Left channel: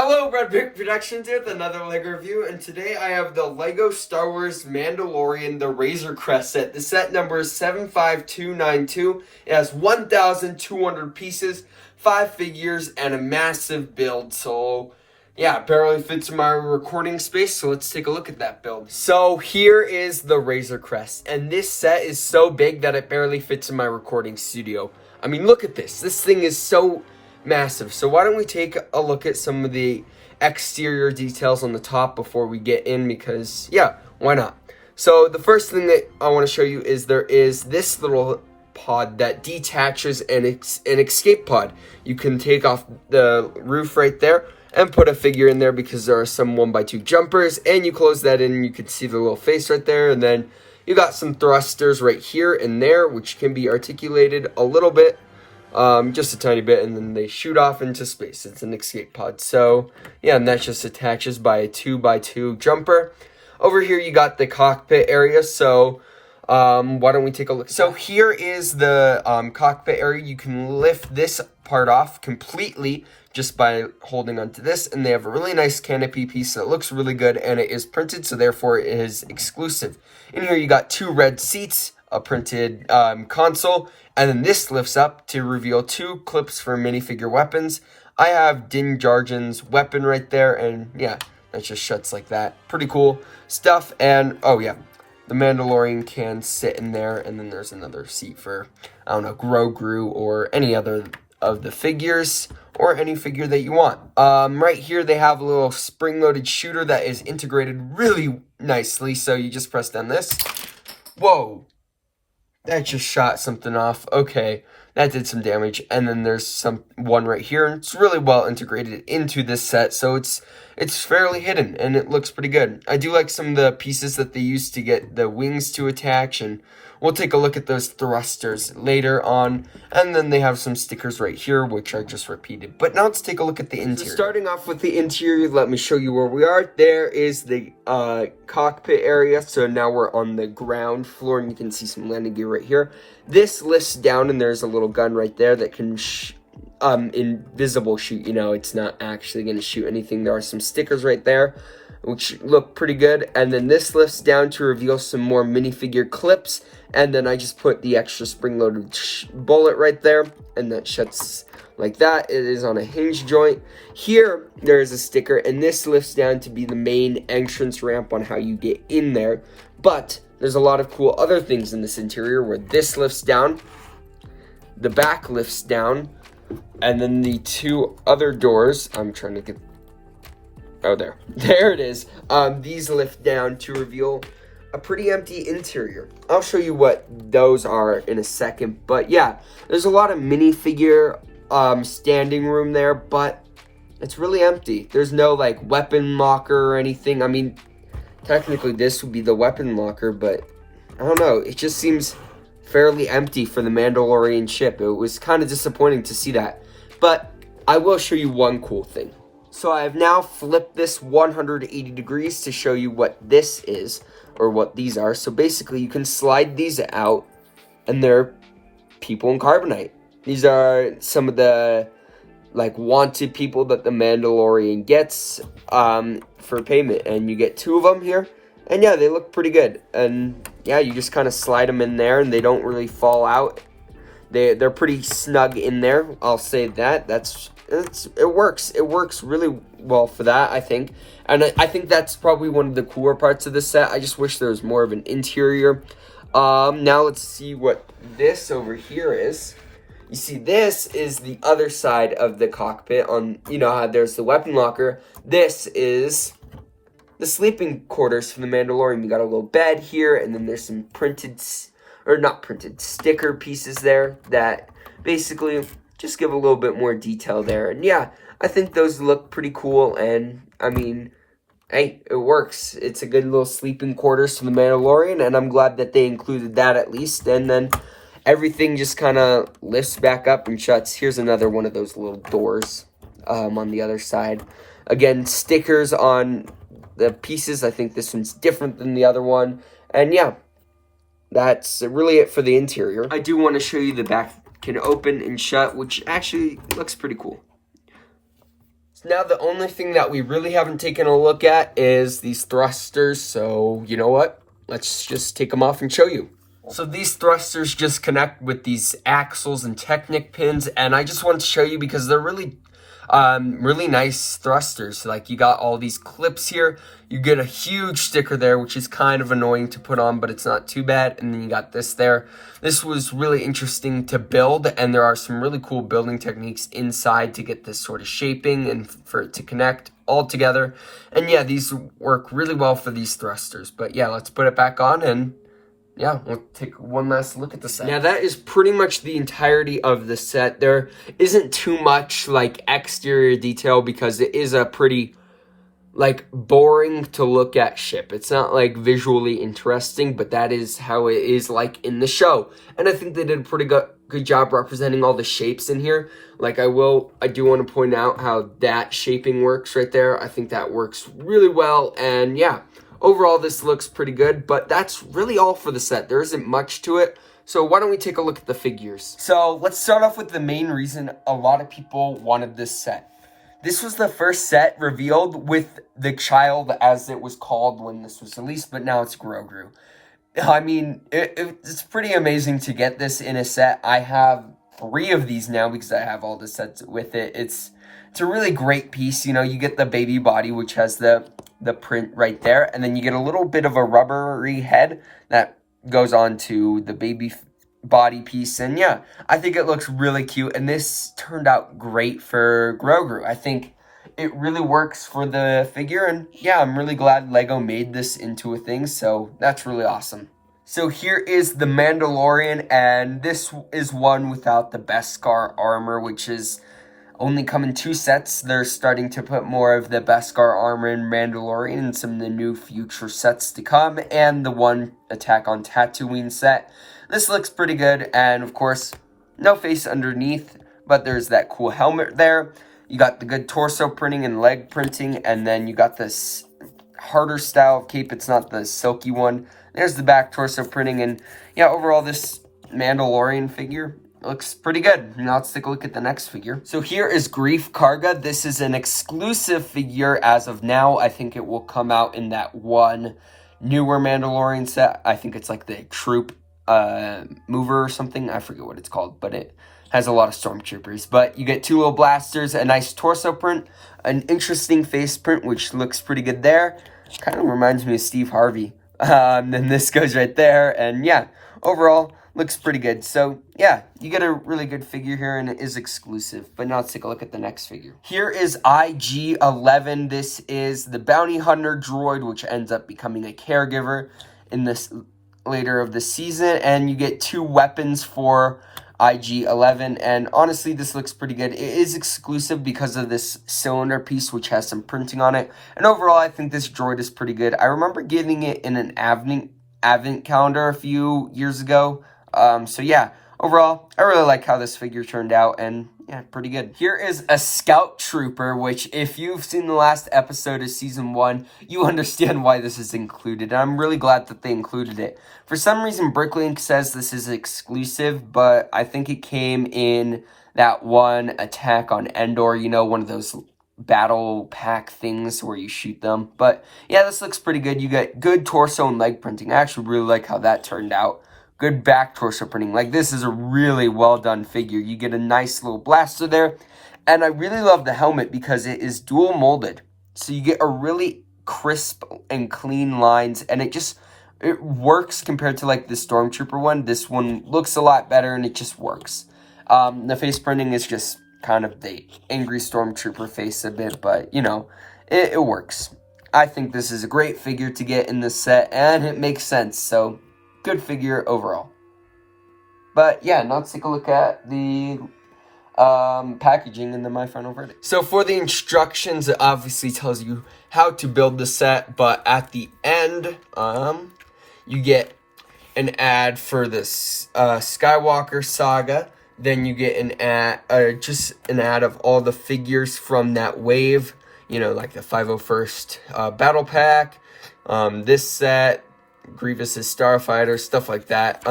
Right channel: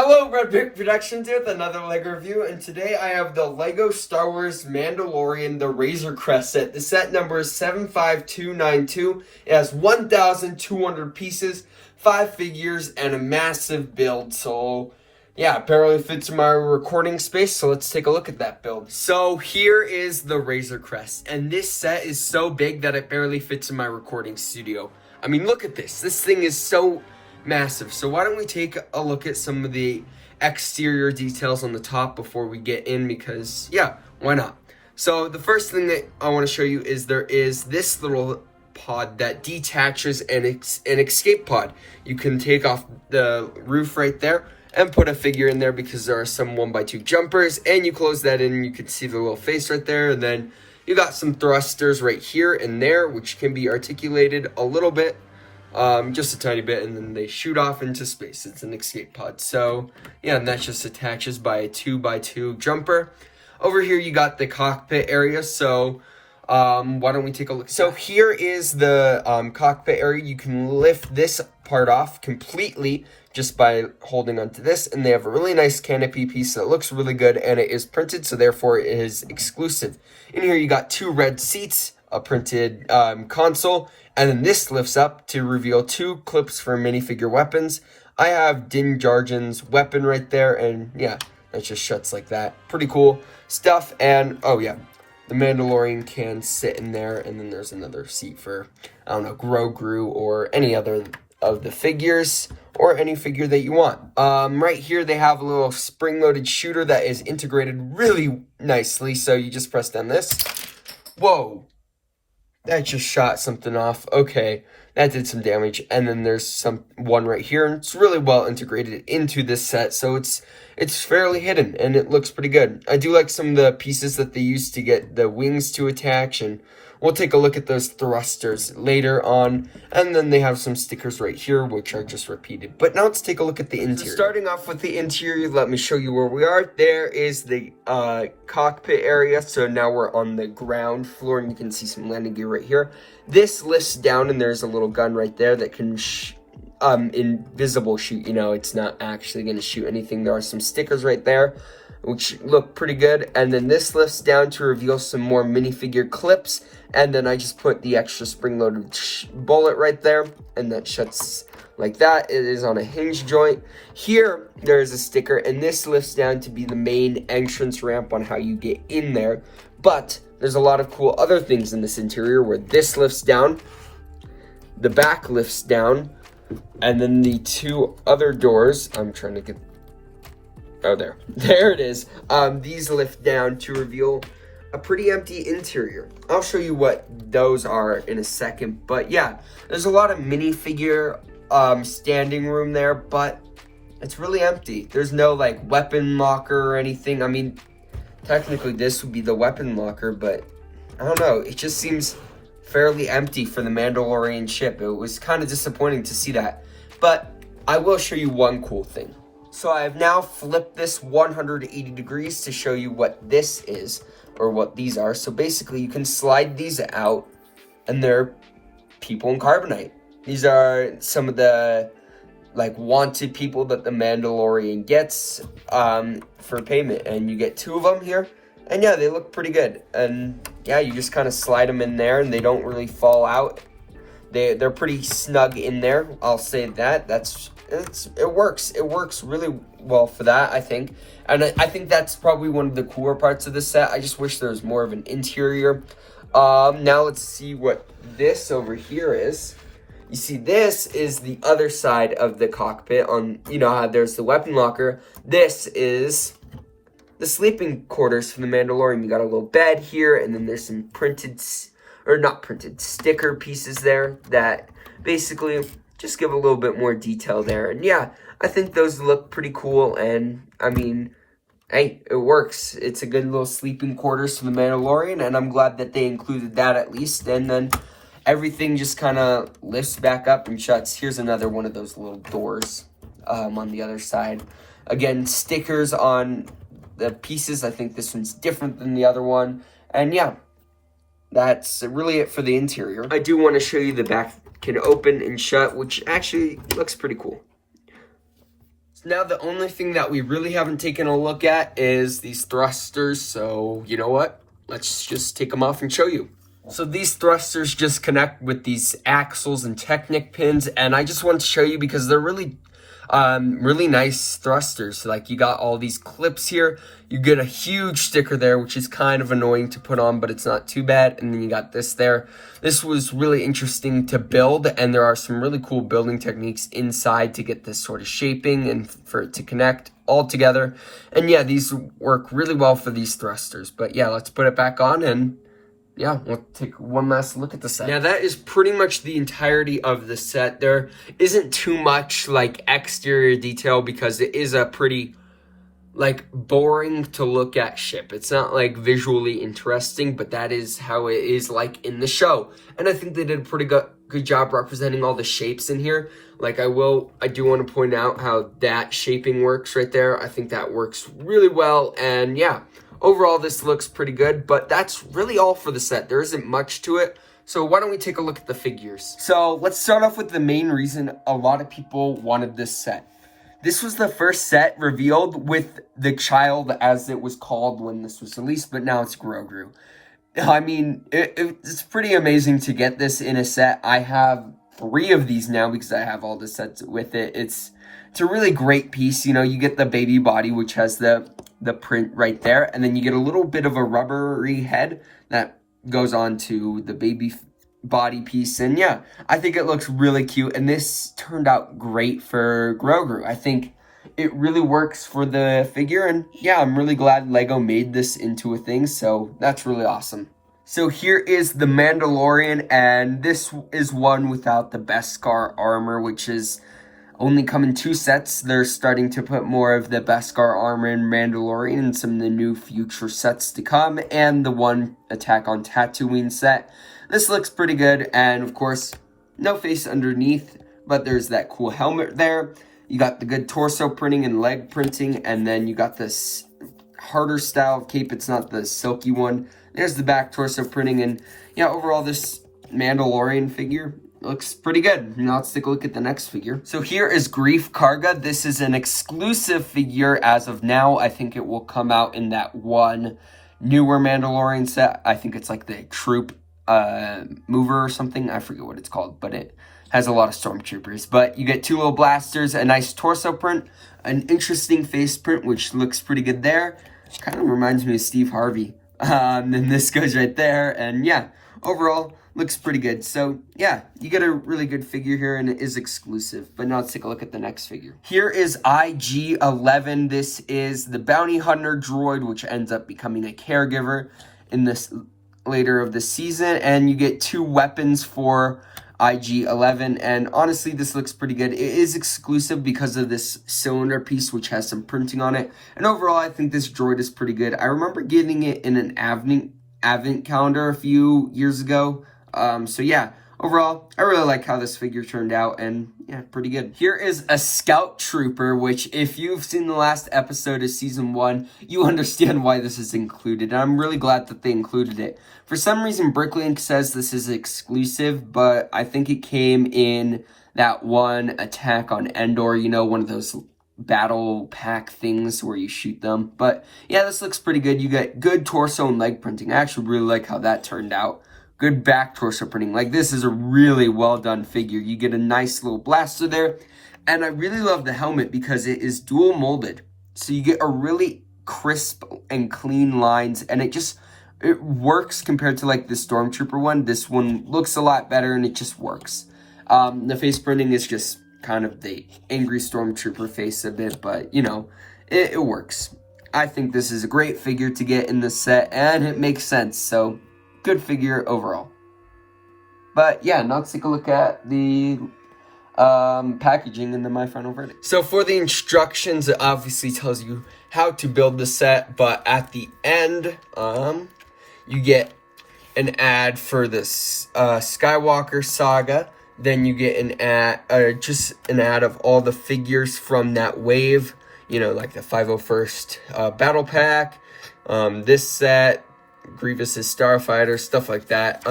Hello, Red Brick Productions here with another LEGO review, and today I have the LEGO Star Wars Mandalorian, the Razor Crest set. The set number is 75292. It has 1,200 pieces, 5 figures, and a massive build. So, yeah, it barely fits in my recording space, so let's take a look at that build. So here is the Razor Crest, and this set is so big that it barely fits in my recording studio. I mean, look at this. This thing is so massive. So why don't we take a look at some of the exterior details on the top before we get in, because yeah, why not? So the first thing that I want to show you is there is this little pod that detaches an escape pod. You can take off the roof right there and put a figure in there because there are some 1x2 jumpers, and you close that in and you can see the little face right there, and then you got some thrusters right here and there which can be articulated a little bit, just a tiny bit, and then they shoot off into space. It's an escape pod. So yeah, and that just attaches by a 2x2 jumper. Over here you got the cockpit area, so why don't we take a look? So here is the cockpit area. You can lift this part off completely just by holding onto this, and they have a really nice canopy piece that looks really good, and it is printed, so therefore it is exclusive. In here you got 2 red seats, a printed console, and then this lifts up to reveal 2 clips for minifigure weapons. I have Din Djarin's weapon right there, and yeah, that just shuts like that. Pretty cool stuff. And oh yeah, the Mandalorian can sit in there, and then there's another seat for, I don't know, Grogu or any other of the figures, or any figure that you want. Right here they have a little spring-loaded shooter that is integrated really nicely, so you just press down this. Whoa! That just shot something off. Okay, that did some damage. And then there's one right here, and it's really well integrated into this set, so it's fairly hidden, and it looks pretty good. I do like some of the pieces that they used to get the wings to attach, and we'll take a look at those thrusters later on. And then they have some stickers right here, which are just repeated. But now let's take a look at the interior. So starting off with the interior, let me show you where we are. There is the cockpit area. So now we're on the ground floor, and you can see some landing gear right here. This lifts down, and there's a little gun right there that can invisible shoot. You know, it's not actually going to shoot anything. There are some stickers right there, which look pretty good. And then this lifts down to reveal some more minifigure clips. And then I just put the extra spring-loaded bullet right there, and that shuts like that. It is on a hinge joint. Here, there is a sticker, and this lifts down to be the main entrance ramp on how you get in there. But there's a lot of cool other things in this interior where this lifts down, the back lifts down, and then the 2 other doors, I'm trying to get, oh, there it is. These lift down to reveal a pretty empty interior. I'll show you what those are in a second, but yeah, there's a lot of minifigure standing room there, but it's really empty. There's no like weapon locker or anything. I mean, technically this would be the weapon locker, but I don't know, it just seems fairly empty for the Mandalorian ship. It was kind of disappointing to see that, but I will show you one cool thing. So I have now flipped this 180 degrees to show you what this is, or what these are. So basically you can slide these out, and they're people in carbonite. These are some of the like wanted people that the Mandalorian gets for payment, and you get 2 of them here, and yeah, they look pretty good. And yeah, you just kind of slide them in there, and they don't really fall out. They're pretty snug in there, I'll say that. It works really well for that, I think. And I think that's probably one of the cooler parts of the set. I just wish there was more of an interior. Now let's see what this over here is. You see, this is the other side of the cockpit. On, you know how there's the weapon locker. This is the sleeping quarters for the Mandalorian. You got a little bed here, and then there's some sticker pieces there that basically just give a little bit more detail there. And yeah, I think those look pretty cool, and I mean, hey, it works. It's a good little sleeping quarters for the Mandalorian, and I'm glad that they included that at least. And then everything just kind of lifts back up and shuts. Here's another one of those little doors on the other side. Again, stickers on the pieces. I think this one's different than the other one. And yeah, that's really it for the interior. I do want to show you the back can open and shut, which actually looks pretty cool. Now the only thing that we really haven't taken a look at is these thrusters, so you know what? Let's just take them off and show you. So these thrusters just connect with these axles and Technic pins, and I just want to show you because they're really nice thrusters. Like, you got all these clips here. You get a huge sticker there, which is kind of annoying to put on, but it's not too bad. And then you got this there. This was really interesting to build, and there are some really cool building techniques inside to get this sort of shaping and for it to connect all together. And yeah, these work really well for these thrusters. But yeah, let's put it back on and yeah, we'll take one last look at the set. Now, that is pretty much the entirety of the set. There isn't too much, like, exterior detail because it is a pretty, like, boring to look at ship. It's not, like, visually interesting, but that is how it is, like, in the show. And I think they did a pretty good job representing all the shapes in here. Like, I do want to point out how that shaping works right there. I think that works really well, and yeah. Overall, this looks pretty good, but that's really all for the set. There isn't much to it, so why don't we take a look at the figures? So let's start off with the main reason a lot of people wanted this set. This was the first set revealed with the child, as it was called when this was released, but now it's Grogu. I mean, it's pretty amazing to get this in a set. I have 3 of these now because I have all the sets with it. It's a really great piece. You know, you get the baby body, which has the print right there, and then you get a little bit of a rubbery head that goes on to the baby body piece. And yeah, I think it looks really cute, and this turned out great for Grogu. I think it really works for the figure, and yeah, I'm really glad LEGO made this into a thing, so that's really awesome. So here is the Mandalorian, and this is one without the Beskar armor, which is only come in 2 sets. They're starting to put more of the Beskar armor in Mandalorian and some of the new future sets to come, and the one Attack on Tatooine set. This looks pretty good, and of course, no face underneath, but there's that cool helmet there. You got the good torso printing and leg printing, and then you got this harder style of cape. It's not the silky one. There's the back torso printing, and yeah, overall, this Mandalorian figure looks pretty good. Now let's take a look at the next figure. So here is Greef Karga. This is an exclusive figure as of now. I think it will come out in that one newer Mandalorian set. I think it's like the Troop Mover or something. I forget what it's called, but it has a lot of stormtroopers. But you get 2 little blasters, a nice torso print, an interesting face print, which looks pretty good there. Kind of reminds me of Steve Harvey. Then this goes right there, and yeah, overall, looks pretty good. So, yeah, you get a really good figure here, and it is exclusive. But now let's take a look at the next figure. Here is IG-11. This is the bounty hunter droid, which ends up becoming a caregiver in this later of the season. And you get 2 weapons for IG-11. And honestly, this looks pretty good. It is exclusive because of this cylinder piece, which has some printing on it. And overall, I think this droid is pretty good. I remember getting it in an advent calendar a few years ago. So yeah, overall, I really like how this figure turned out, and yeah, pretty good. Here is a Scout Trooper, which if you've seen the last episode of Season 1, you understand why this is included. And I'm really glad that they included it. For some reason, Bricklink says this is exclusive, but I think it came in that one Attack on Endor, you know, one of those battle pack things where you shoot them. But yeah, this looks pretty good. You get good torso and leg printing. I actually really like how that turned out. Good back torso printing. Like, this is a really well done figure. You get a nice little blaster there. And I really love the helmet because it is dual molded. So you get a really crisp and clean lines, and it works compared to like the Stormtrooper one. This one looks a lot better, and it just works. The face printing is just kind of the angry Stormtrooper face a bit, but you know, it works. I think this is a great figure to get in this set, and it makes sense. So good figure overall. But yeah, now let's take a look at the packaging and then my final verdict. So for the instructions, it obviously tells you how to build the set, but at the end, you get an ad for this Skywalker saga. Then you get an ad, just an ad of all the figures from that wave, you know, like the 501st Battle Pack, this set, Grievous's Starfighter, stuff like that.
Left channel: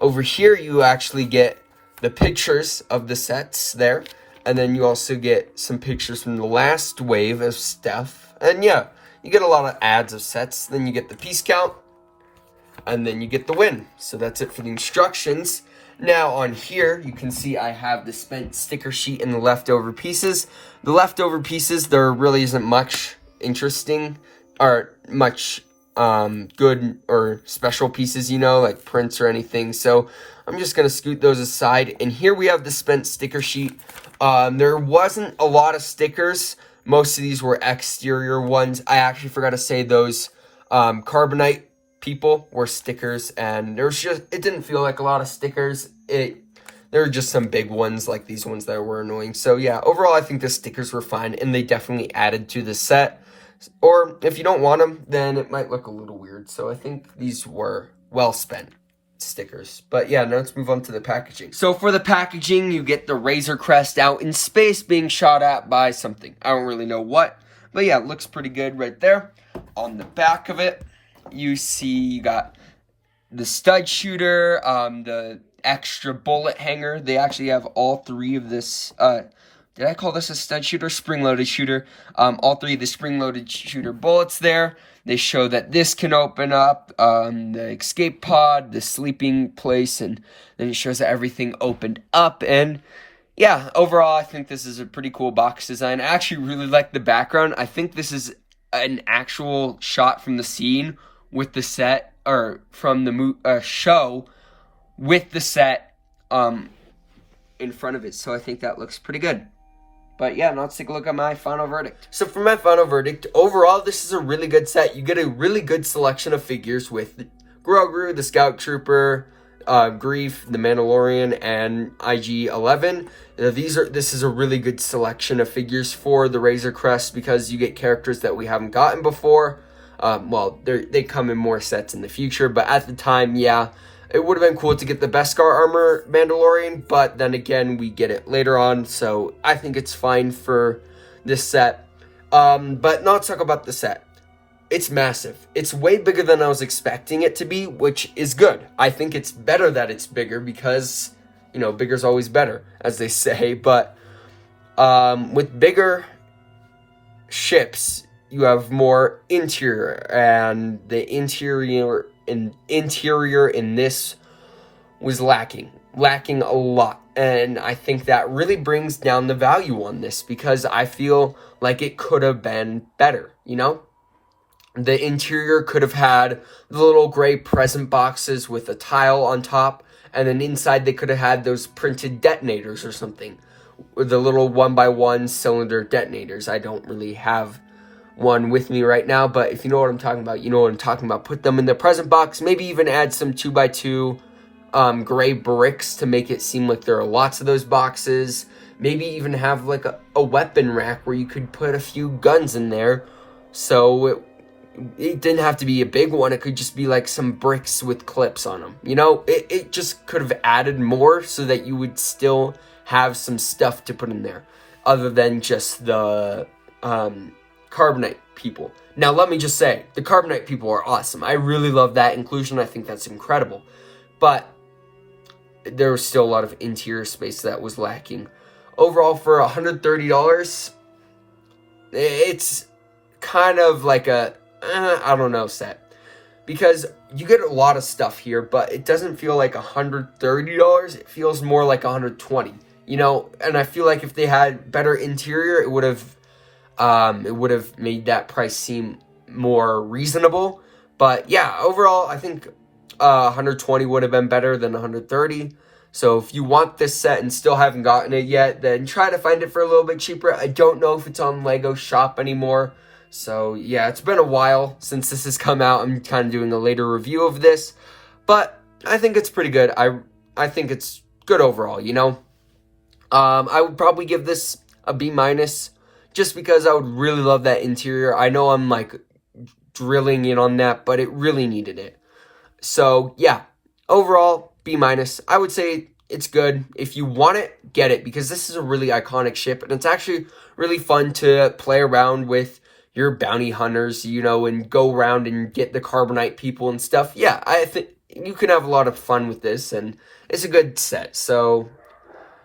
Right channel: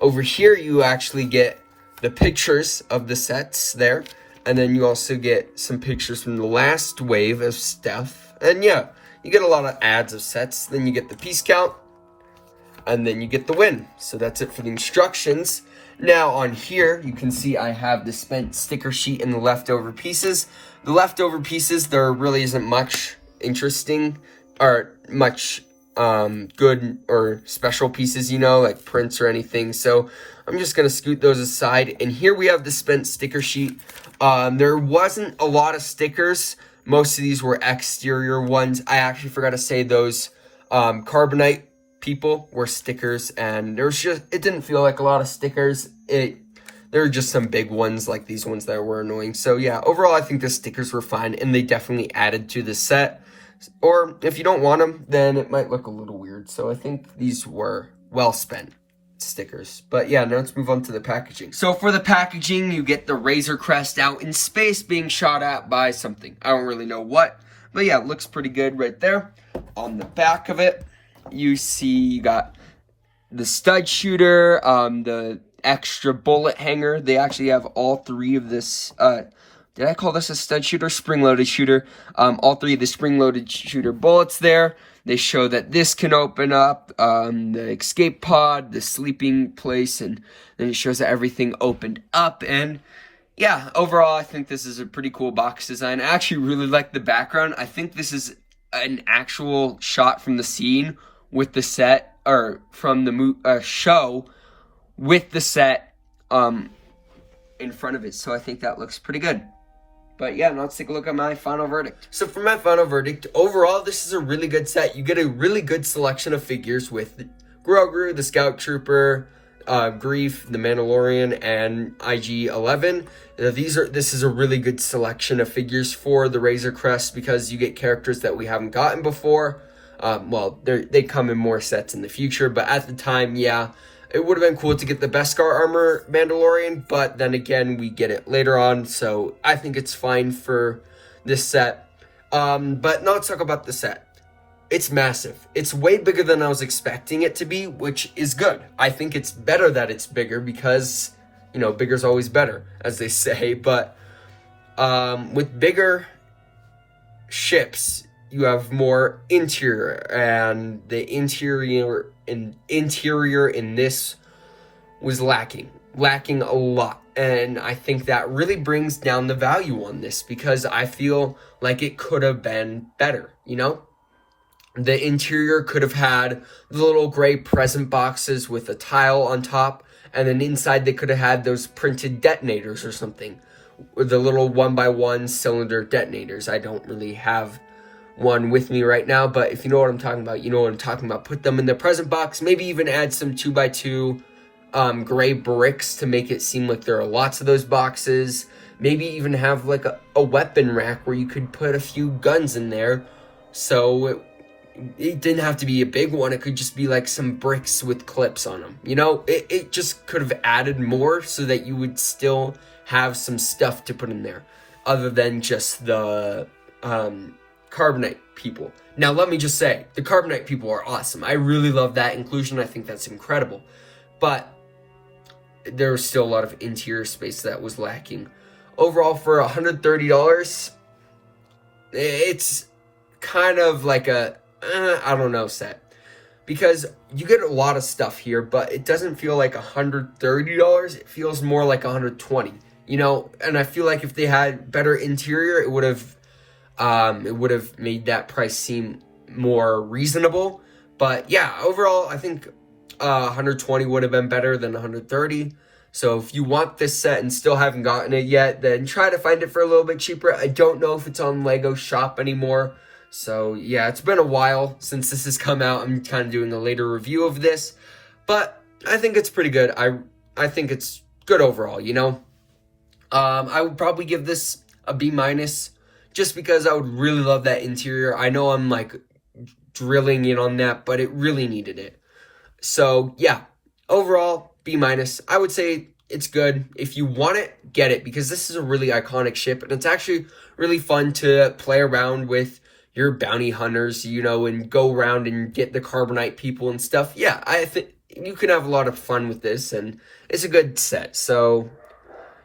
Over here, you actually get the pictures of the sets there. And then you also get some pictures from the last wave of stuff. And yeah, you get a lot of ads of sets. Then you get the piece count. And then you get the win. So that's it for the instructions. Now on here, you can see I have the spent sticker sheet and the leftover pieces. The leftover pieces, there really isn't much interesting or much good or special pieces, you know, like prints or anything. So I'm just going to scoot those aside. And here we have the spent sticker sheet. There wasn't a lot of stickers. Most of these were exterior ones. I actually forgot to say those carbonite people were stickers, and there was just, it didn't feel like a lot of stickers. There were just some big ones like these ones that were annoying. So yeah, overall I think the stickers were fine, and they definitely added to the set. Or if you don't want them, then it might look a little weird. So I think these were well spent stickers. But yeah, now let's move on to the packaging. So for the packaging, you get the Razor Crest out in space being shot at by something. I don't really know what, but yeah, it looks pretty good right there. On the back of it, you see you got the stud shooter, the extra bullet hanger. They actually have all three of this, did I call this a stud shooter? Spring-loaded shooter. All three of the spring-loaded shooter bullets there. They show that this can open up, the escape pod, the sleeping place, and then it shows that everything opened up. And yeah, overall, I think this is a pretty cool box design. I actually really like the background. I think this is an actual shot from the scene with the set, or from the show with the set in front of it. So I think that looks pretty good. But yeah, now let's take a look at my final verdict. So for my final verdict, overall, this is a really good set. You get a really good selection of figures with Grogu, the Scout Trooper, Grief, the Mandalorian, and IG-11. This is a really good selection of figures for the Razor Crest because you get characters that we haven't gotten before. Well, they come in more sets in the future, but at the time, yeah, it would have been cool to get the Beskar armor Mandalorian, but then again, we get it later on, so I think it's fine for this set. But now let's talk about the set. It's massive. It's way bigger than I was expecting it to be, which is good. I think it's better that it's bigger because, you know, bigger's always better, as they say, but with bigger ships, you have more interior, and the interior in this was lacking a lot, and I think that really brings down the value on this because I feel like it could have been better, you know? The interior could have had the little gray present boxes with a tile on top, and then inside they could have had those printed detonators or something, with the little 1x1 cylinder detonators. I don't really have one with me right now, but if you know what I'm talking about, you know what I'm talking about. Put them in the present box, maybe even add some 2x2 gray bricks to make it seem like there are lots of those boxes. Maybe even have like a weapon rack where you could put a few guns in there, so it didn't have to be a big one. It could just be like some bricks with clips on them. You know, it just could have added more so that you would still have some stuff to put in there other than just the Carbonite people. Now, let me just say, the Carbonite people are awesome. I really love that inclusion. I think that's incredible. But there was still a lot of interior space that was lacking. Overall, for $130, it's kind of like a, I don't know, set. Because you get a lot of stuff here, but it doesn't feel like $130. It feels more like $120. You know, and I feel like if they had better interior, it would have made that price seem more reasonable. But yeah, overall, I think 120 would have been better than 130. So if you want this set and still haven't gotten it yet, then try to find it for a little bit cheaper. I don't know if it's on Lego Shop anymore. So yeah, it's been a while since this has come out. I'm kind of doing a later review of this, but I think it's pretty good. I think it's good overall, you know. I would probably give this a B-, just because I would really love that interior. I know I'm like drilling in on that, but it really needed it. So yeah, overall, B-. I would say it's good. If you want it, get it, because this is a really iconic ship, and it's actually really fun to play around with your bounty hunters, you know, and go around and get the Carbonite people and stuff. Yeah, I think you can have a lot of fun with this, and it's a good set. So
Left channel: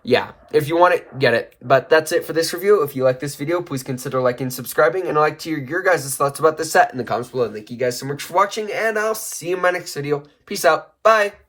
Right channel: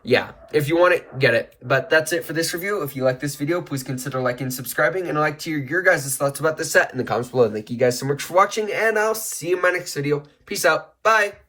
yeah, if you want it, get it. But that's it for this review. If you like this video, please consider liking and subscribing. And I'd like to hear your guys' thoughts about this set in the comments below. Thank you guys so much for watching, and I'll see you in my next video. Peace out. Bye.